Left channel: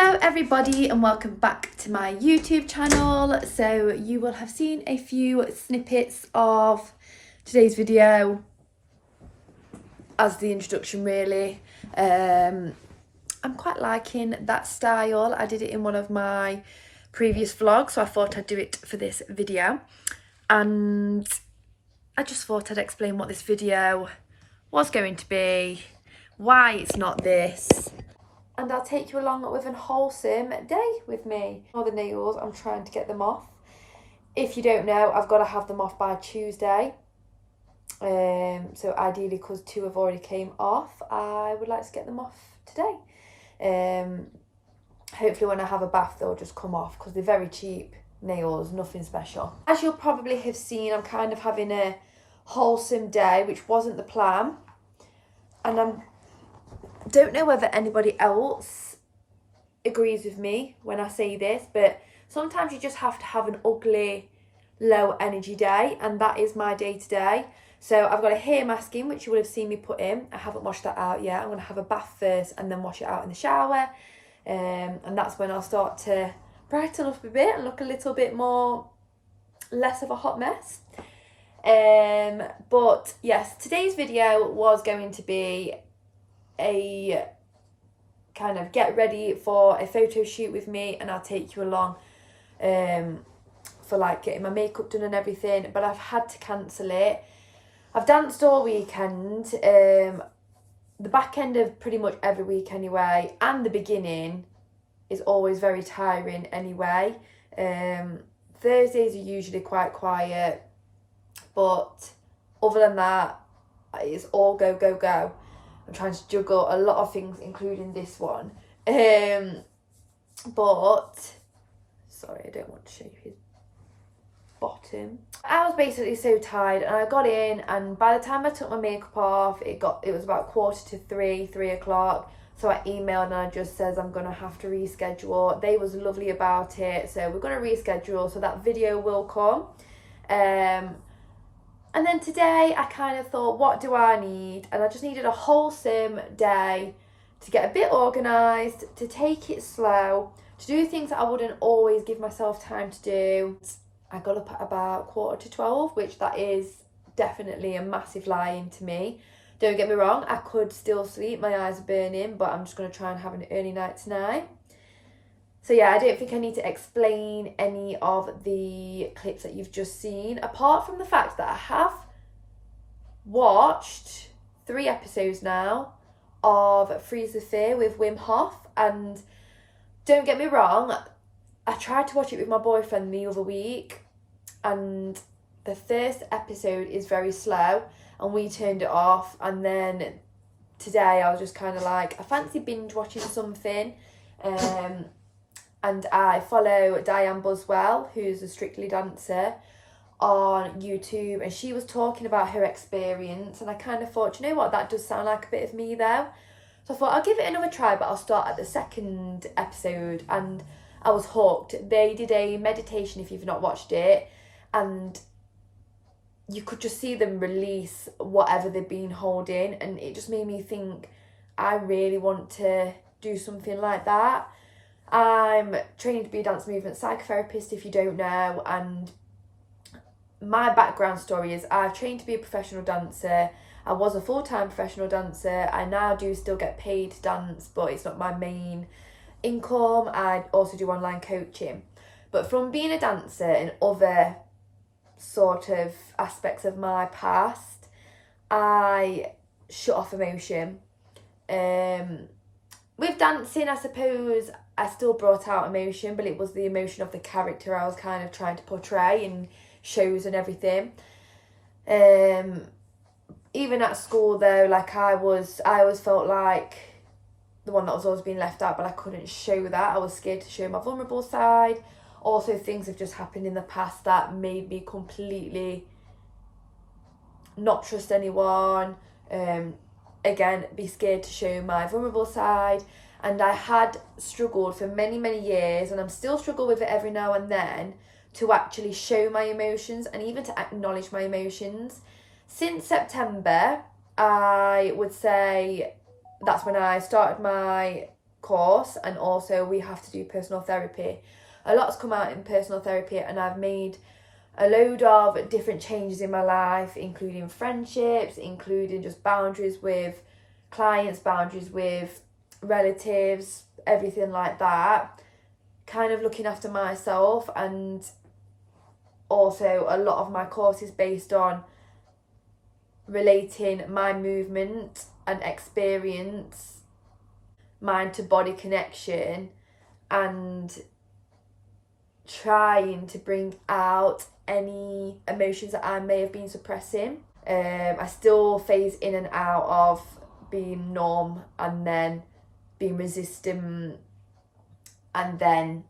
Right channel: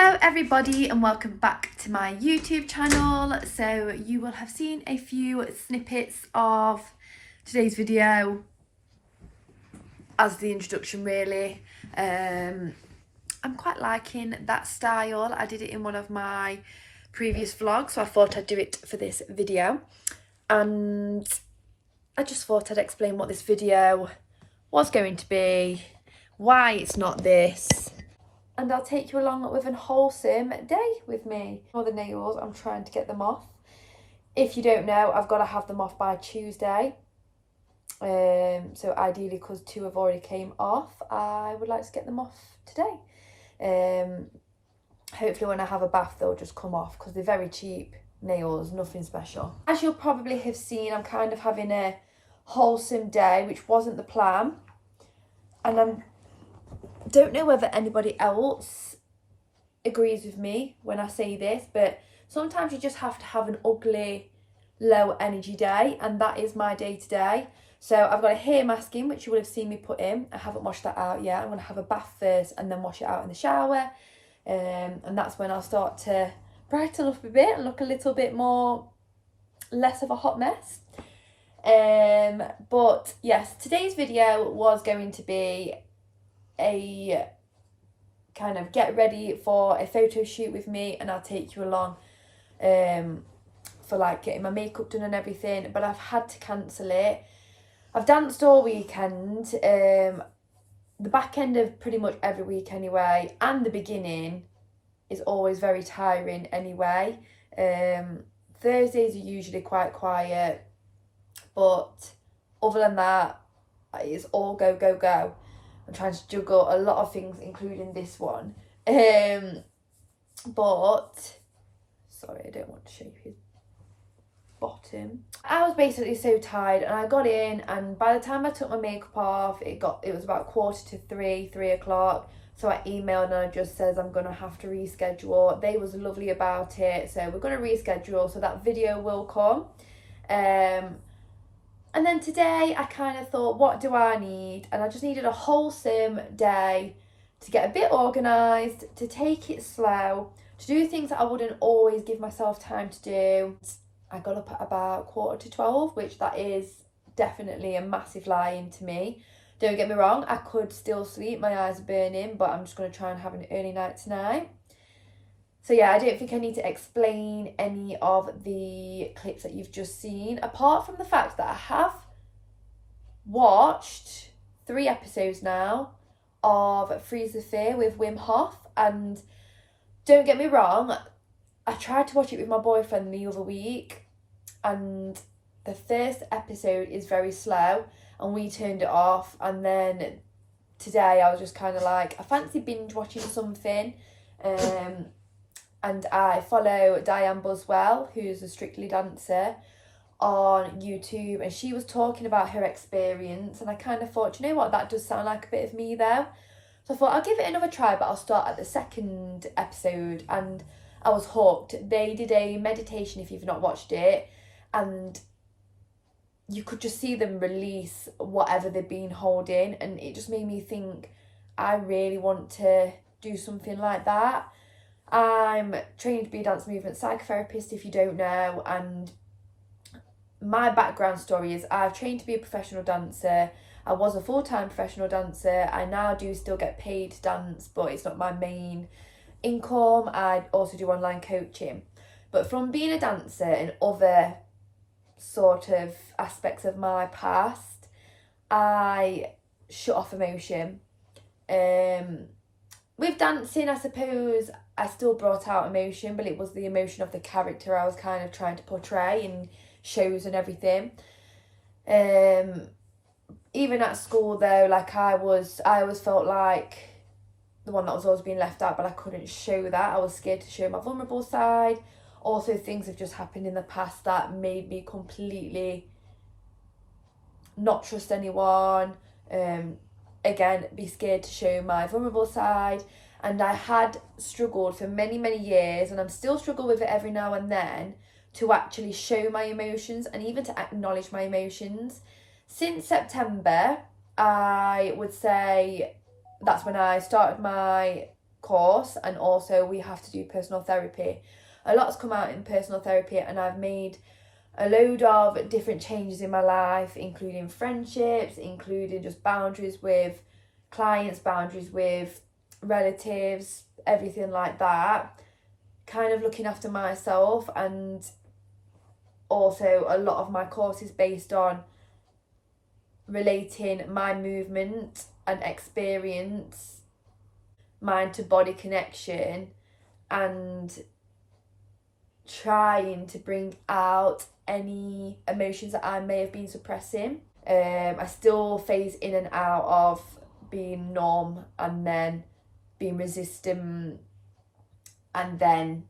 Hello everybody and welcome back to my YouTube channel. So you will have seen a few snippets of today's video as the introduction really. I'm quite liking that style. I did it in one of my previous vlogs, so I thought I'd do it for this video. And I just thought I'd explain what this video was going to be, why it's not this. And I'll take you along with an wholesome day with me. All the nails, I'm trying to get them off. If you don't know, I've got to have them off by Tuesday. So ideally, because 2 have already came off, I would like to get them off today. Hopefully when I have a bath, they'll just come off because they're very cheap nails, nothing special. As you'll probably have seen, I'm kind of having a wholesome day, which wasn't the plan. And I don't know whether anybody else agrees with me when I say this, but sometimes you just have to have an ugly, low energy day, and that is my day today. So I've got a hair mask in, which you will have seen me put in. I haven't washed that out yet. I'm going to have a bath first and then wash it out in the shower. And that's when I'll start to brighten up a bit and look a little bit less of a hot mess. But yes, today's video was going to be a kind of get ready for a photo shoot with me, and I'll take you along for like getting my makeup done and everything, but I've had to cancel it. I've danced all weekend, the back end of pretty much every week anyway, and the beginning is always very tiring anyway. Thursdays are usually quite quiet, but other than that, it's all go, go, go. I'm trying to juggle a lot of things, including this one. But, sorry, I don't want to show you his bottom. I was basically so tired, and I got in, and by the time I took my makeup off, it was about 2:45, 3 o'clock. So I emailed and I just says I'm going to have to reschedule. They was lovely about it, so we're going to reschedule, so that video will come. And then today I kind of thought, what do I need? And I just needed a wholesome day to get a bit organised, to take it slow, to do things that I wouldn't always give myself time to do. I got up at about 11:45, which that is definitely a massive lie-in to me. Don't get me wrong, I could still sleep, my eyes are burning, but I'm just going to try and have an early night tonight. So yeah, I don't think I need to explain any of the clips that you've just seen, apart from the fact that I have watched 3 episodes now of Freeze the Fear with Wim Hof, and don't get me wrong, I tried to watch it with my boyfriend the other week, and the first episode is very slow, and we turned it off, and then today I was just kind of like, I fancy binge watching something. And I follow Diane Buswell, who's a Strictly dancer, on YouTube, and she was talking about her experience, and I kind of thought, you know what, that does sound like a bit of me though. So I thought I'll give it another try, but I'll start at the 2nd episode, and I was hooked. They did a meditation, if you've not watched it, and you could just see them release whatever they've been holding, and it just made me think, I really want to do something like that. I'm training to be a dance movement psychotherapist, if you don't know, and my background story is I've trained to be a professional dancer. I was a full-time professional dancer. I now do still get paid to dance, but it's not my main income. I also do online coaching. But from being a dancer and other sort of aspects of my past, I shut off emotion. With dancing, I suppose I still brought out emotion, but it was the emotion of the character I was kind of trying to portray in shows and everything. Even at school though, like I always felt like the one that was always being left out, but I couldn't show that. I was scared to show my vulnerable side. Also, things have just happened in the past that made me completely not trust anyone. Again, be scared to show my vulnerable side. And I had struggled for many, many years, and I'm still struggle with it every now and then, to actually show my emotions and even to acknowledge my emotions. Since September, I would say that's when I started my course, and also we have to do personal therapy. A lot's come out in personal therapy, and I've made a load of different changes in my life, including friendships, including just boundaries with clients, boundaries with relatives, everything like that. Kind of looking after myself, and also a lot of my course is based on relating my movement and experience, mind to body connection, and trying to bring out any emotions that I may have been suppressing. I still phase in and out of being numb and then being resistant and then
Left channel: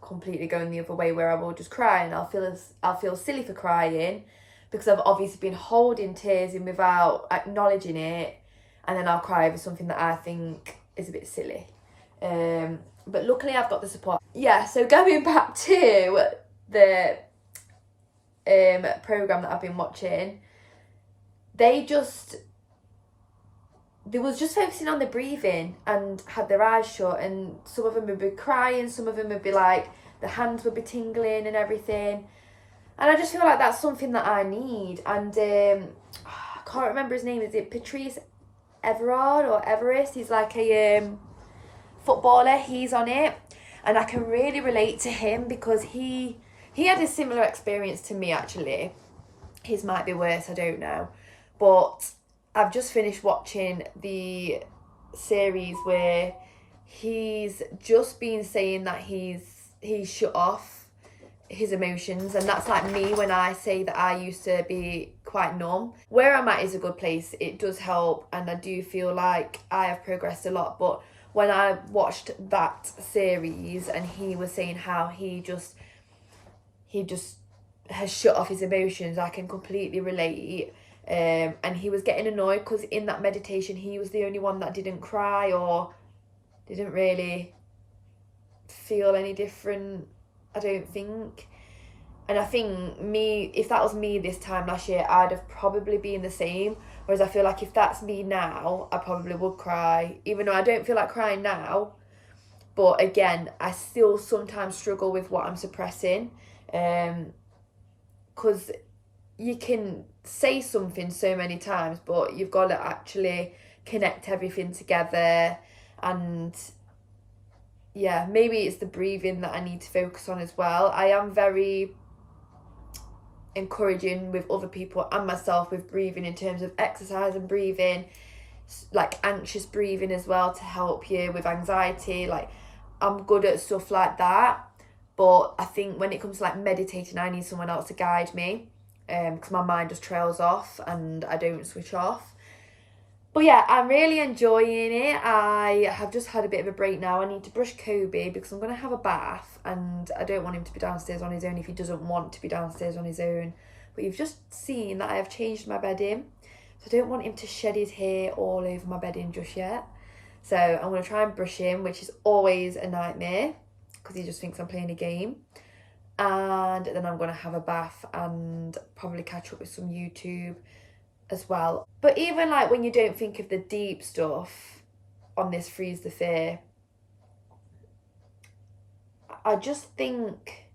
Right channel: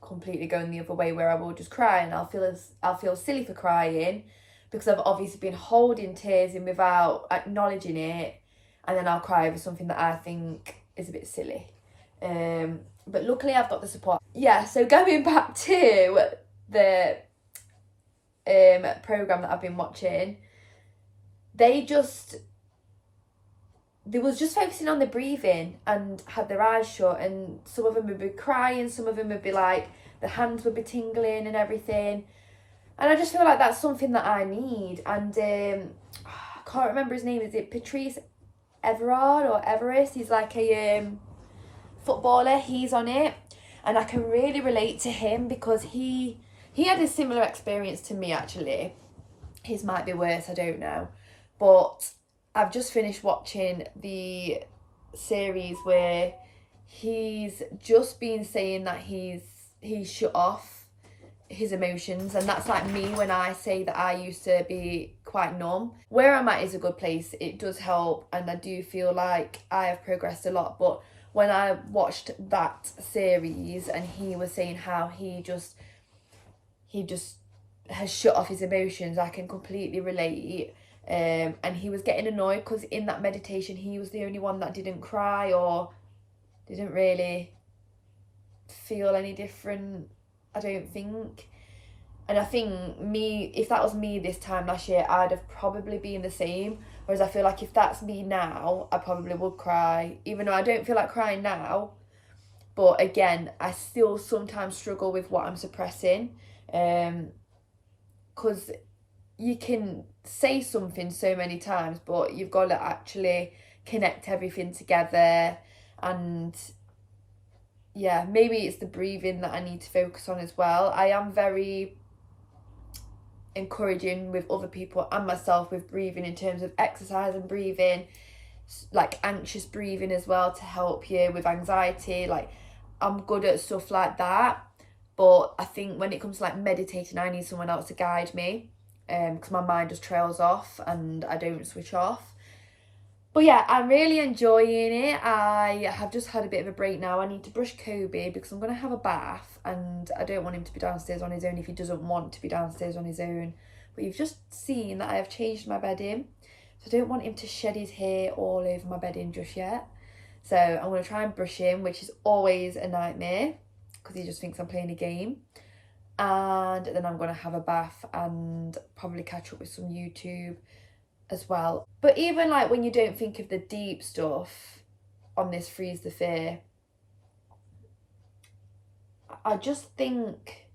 completely going the other way, where I will just cry and I'll feel silly for crying because I've obviously been holding tears in without acknowledging it, and then I'll cry over something that I think is a bit silly. But luckily I've got the support. Yeah, so going back to the program that I've been watching, they was just focusing on the breathing and had their eyes shut, and some of them would be crying, some of them would be like, the hands would be tingling and everything. And I just feel like that's something that I need. And I can't remember his name. Is it Patrice Everard or Everest? He's like a footballer. He's on it, and I can really relate to him because he had a similar experience to me, actually. His might be worse, I don't know. But I've just finished watching the series where he's just been saying that he's shut off his emotions, and that's like me when I say that I used to be quite numb. Where I'm at is a good place. It does help, and I do feel like I have progressed a lot. But when I watched that series and he was saying how he just has shut off his emotions, I can completely relate. And he was getting annoyed because in that meditation he was the only one that didn't cry or didn't really feel any different, I don't think. And I think if that was me this time last year, I'd have probably been the same. Whereas I feel like if that's me now, I probably would cry, even though I don't feel like crying now. But again, I still sometimes struggle with what I'm suppressing, because you can say something so many times, but you've got to actually connect everything together. And yeah, maybe it's the breathing that I need to focus on as well. I am very encouraging with other people and myself with breathing, in terms of exercise and breathing, like anxious breathing as well, to help you with anxiety. Like, I'm good at stuff like that, but I think when it comes to like meditating, I need someone else to guide me, because my mind just trails off and I don't switch off. But yeah, I'm really enjoying it. I have just had a bit of a break now. I need to brush Kobe because I'm going to have a bath, and I don't want him to be downstairs on his own if he doesn't want to be downstairs on his own. But you've just seen that I have changed my bedding, so I don't want him to shed his hair all over my bedding just yet. So I'm going to try and brush him, which is always a nightmare because he just thinks I'm playing a game. And then I'm going to have a bath and probably catch up with some YouTube as well. But even like when you don't think of the deep stuff on this Freeze the Fear, I just think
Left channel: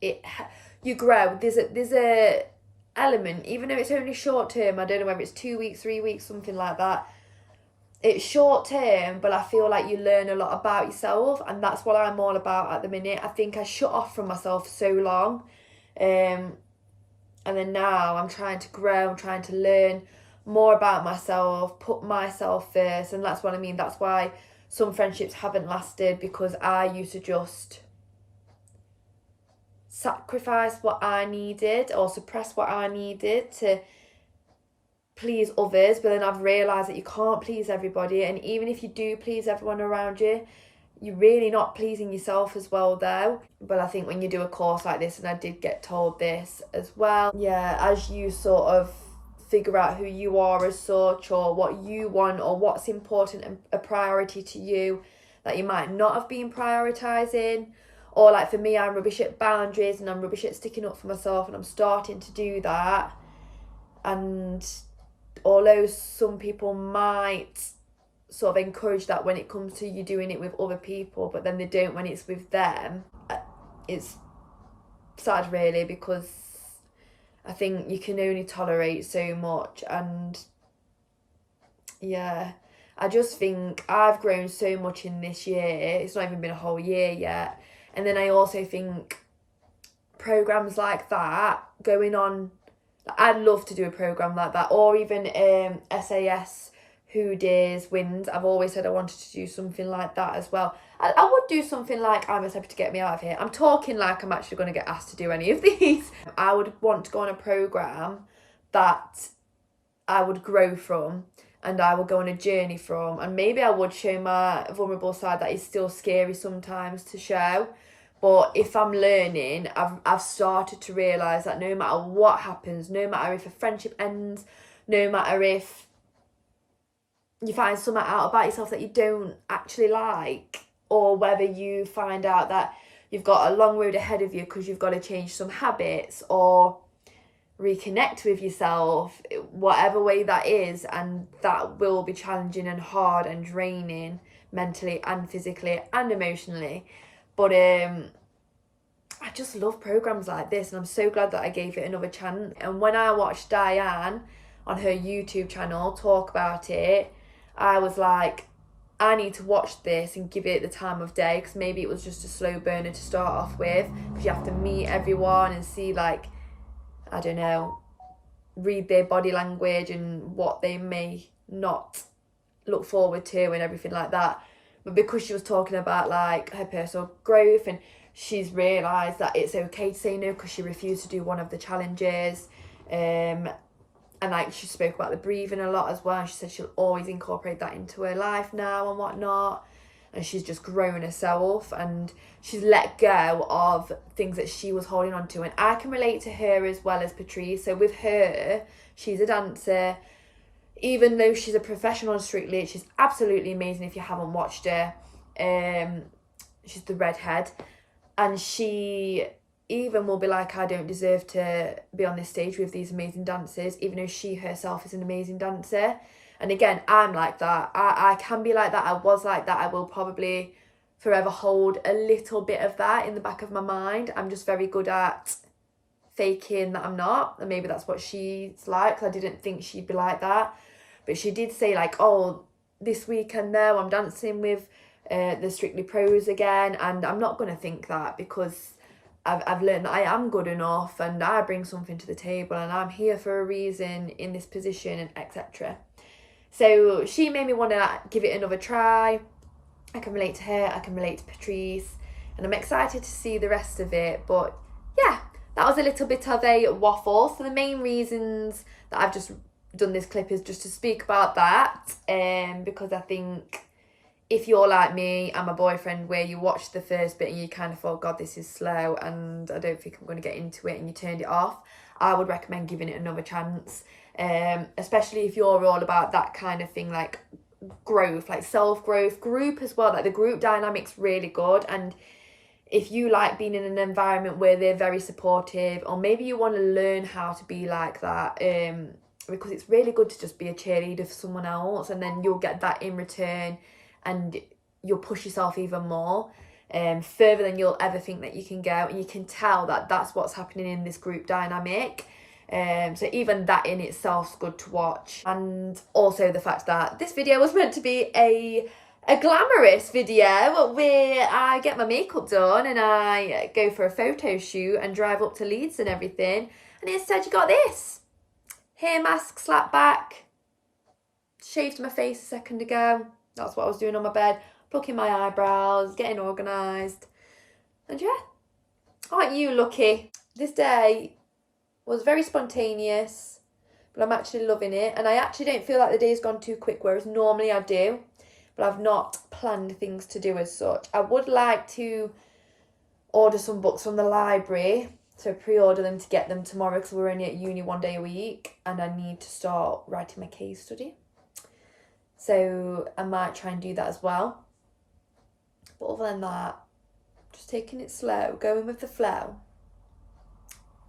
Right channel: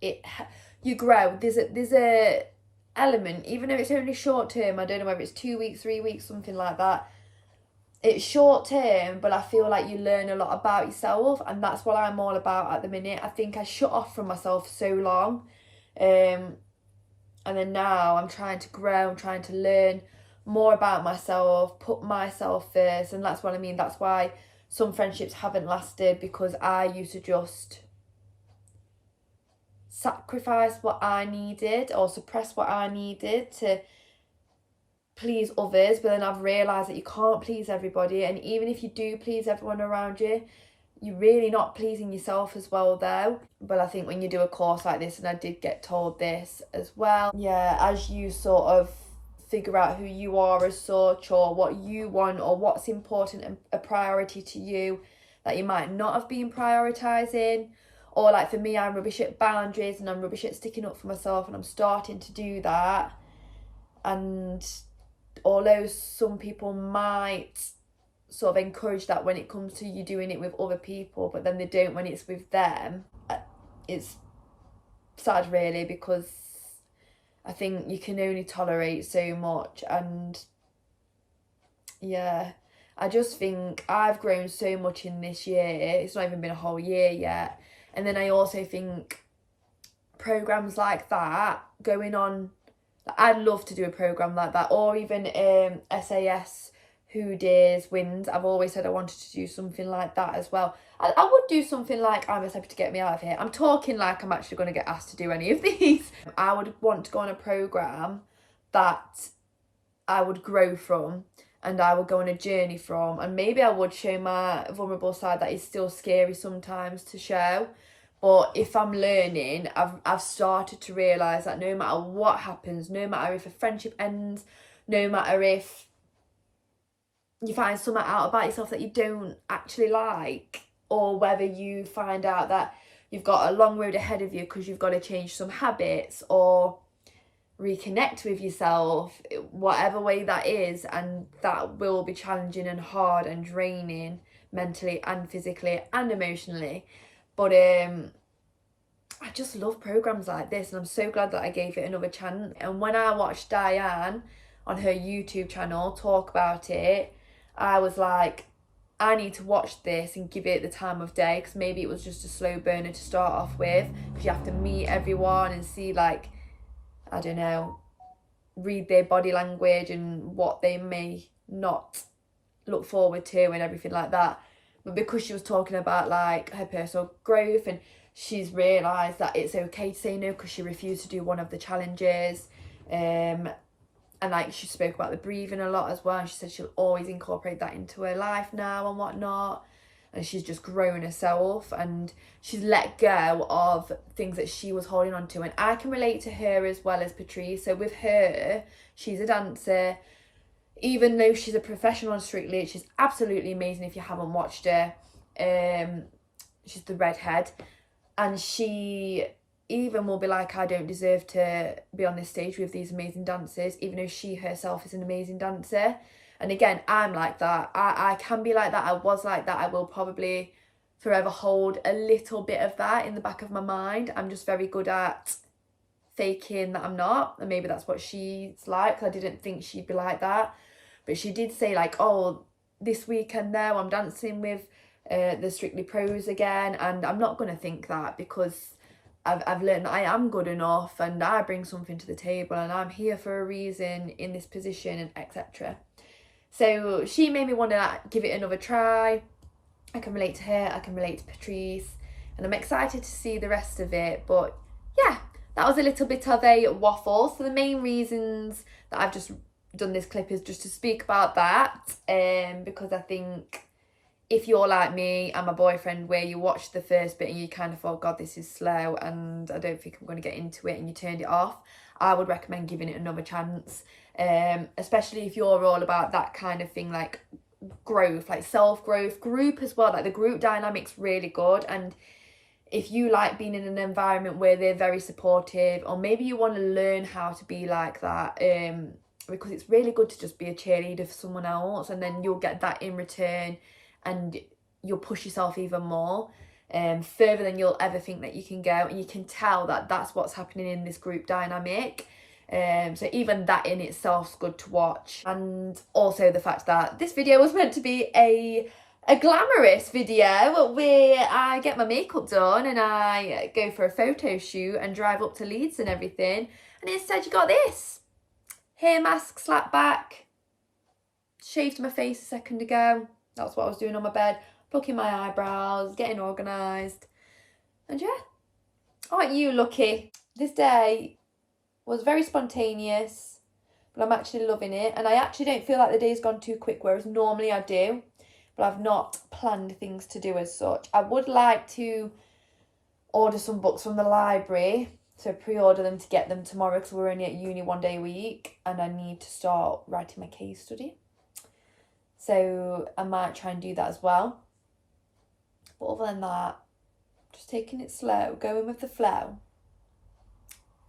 you grow. There's a element, even if it's only short term. I don't know whether it's 2 weeks, 3 weeks, something like that. It's short term, but I feel like you learn a lot about yourself, and that's what I'm all about at the minute. I think I shut off from myself for so long, and then now I'm trying to grow, I'm trying to learn more about myself, put myself first. And that's what I mean. That's why some friendships haven't lasted, because I used to just sacrifice what I needed or suppress what I needed to please others. But then I've realised that you can't please everybody. And even if you do please everyone around you, you're really not pleasing yourself as well, though. But I think when you do a course like this, and I did get told this as well, yeah, as you sort of figure out who you are as such, or what you want, or what's important and a priority to you that you might not have been prioritising. Or like for me, I'm rubbish at boundaries and I'm rubbish at sticking up for myself, and I'm starting to do that. And although some people might sort of encourage that when it comes to you doing it with other people, but then they don't when it's with them. It's sad really, because I think you can only tolerate so much. And yeah, I just think I've grown so much in this year. It's not even been a whole year yet. And then I also think programs like that going on, I'd love to do a program like that, or even SAS Who Dares Wins. I've always said I wanted to do something like that as well. I would do something like I'm a Celebrity to Get Me Out of Here. I'm talking like I'm actually going to get asked to do any of these. I would want to go on a program that I would grow from and I would go on a journey from, and maybe I would show my vulnerable side that is still scary sometimes to show. But if I'm learning, I've started to realise that no matter what happens, no matter if a friendship ends, no matter if you find something out about yourself that you don't actually like, or whether you find out that you've got a long road ahead of you because you've got to change some habits or reconnect with yourself, whatever way that is, and that will be challenging and hard and draining mentally and physically and emotionally. But I just love programs like this, and I'm so glad that I gave it another chance. And when I watched Diane on her YouTube channel talk about it, I was like, I need to watch this and give it the time of day, because maybe it was just a slow burner to start off with, because you have to meet everyone and see, like, I don't know, read their body language and what they may not look forward to and everything like that. But because she was talking about like her personal growth, and she's realised that it's okay to say no because she refused to do one of the challenges, and like she spoke about the breathing a lot as well, and she said she'll always incorporate that into her life now and whatnot. And she's just grown herself, and she's let go of things that she was holding on to. And I can relate to her as well as Patrice. So with her, she's a dancer. Even though she's a professional on Strictly, she's absolutely amazing if you haven't watched her. She's the redhead. And she even will be like, I don't deserve to be on this stage with these amazing dancers, even though she herself is an amazing dancer. And again, I'm like that. I can be like that. I was like that. I will probably forever hold a little bit of that in the back of my mind. I'm just very good at faking that I'm not. And maybe that's what she's like. I didn't think she'd be like that. But she did say like, oh, this weekend now I'm dancing with the Strictly Pros again. And I'm not going to think that, because I've learned that I am good enough and I bring something to the table and I'm here for a reason in this position, and etc. So she made me want to give it another try. I can relate to her, I can relate to Patrice, and I'm excited to see the rest of it. But yeah, that was a little bit of a waffle. So the main reasons that I've just done this clip is just to speak about that, because I think if you're like me and my boyfriend, where you watched the first bit and you kind of thought, God, this is slow and I don't think I'm going to get into it, and you turned it off, I would recommend giving it another chance. Especially if you're all about that kind of thing, like growth, like self-growth, group as well. Like the group dynamic's really good. And if you like being in an environment where they're very supportive, or maybe you want to learn how to be like that, because it's really good to just be a cheerleader for someone else, and then you'll get that in return, and you'll push yourself even more, further than you'll ever think that you can go. And you can tell that that's what's happening in this group dynamic. So even that in itself is good to watch. And also the fact that this video was meant to be a glamorous video where I get my makeup done and I go for a photo shoot and drive up to Leeds and everything. And instead you got this. Hair mask, slap back. Shaved my face a second ago. That's what I was doing on my bed. Plucking my eyebrows, getting organised. And yeah, aren't you lucky? This day was very spontaneous, but I'm actually loving it. And I actually don't feel like the day's gone too quick, whereas normally I do. But I've not planned things to do as such. I would like to order some books from the library. So pre-order them to get them tomorrow, because we're only at uni one day a week. And I need to start writing my case study. So I might try and do that as well. But other than that, just taking it slow, going with the flow.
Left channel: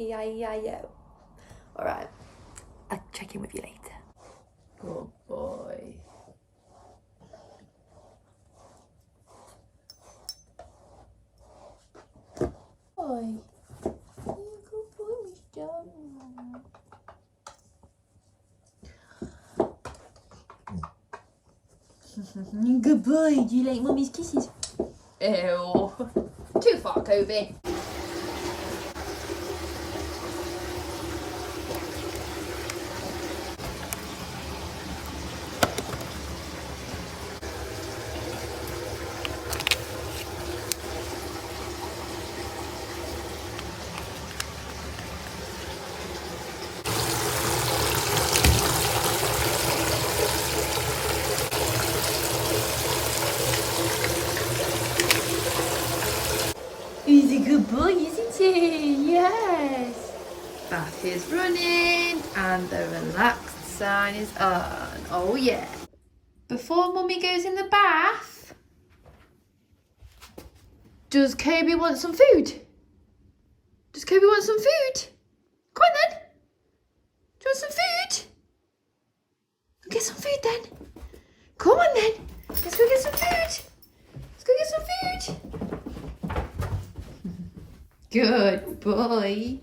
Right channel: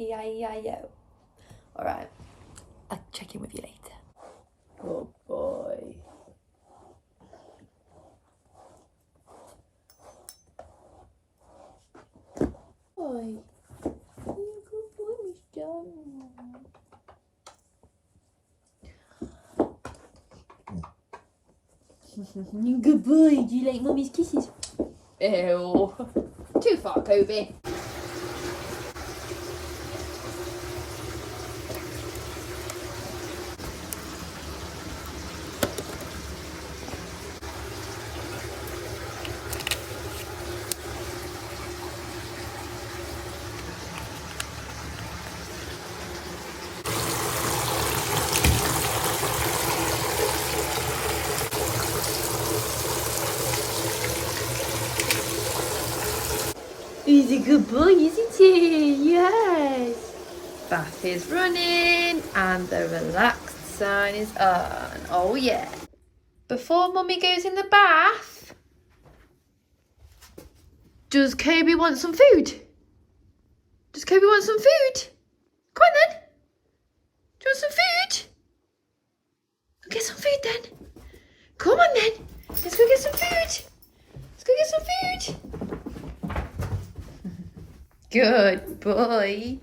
E-I-E-I-O. All right, I'll check in with you later. Good boy. Good boy. Do you like Mummy's kisses? Ew. Too far, Kobe. He's a good boy, isn't he? Yes. Bath is running and the relaxed sign is on. Oh yeah. Before Mummy goes in the bath, does Kobe want some food? Does Kobe want some food? Come on then. Do you want some food? Go get some food then. Come on then. Let's go get some food. Let's go get some food. Good boy.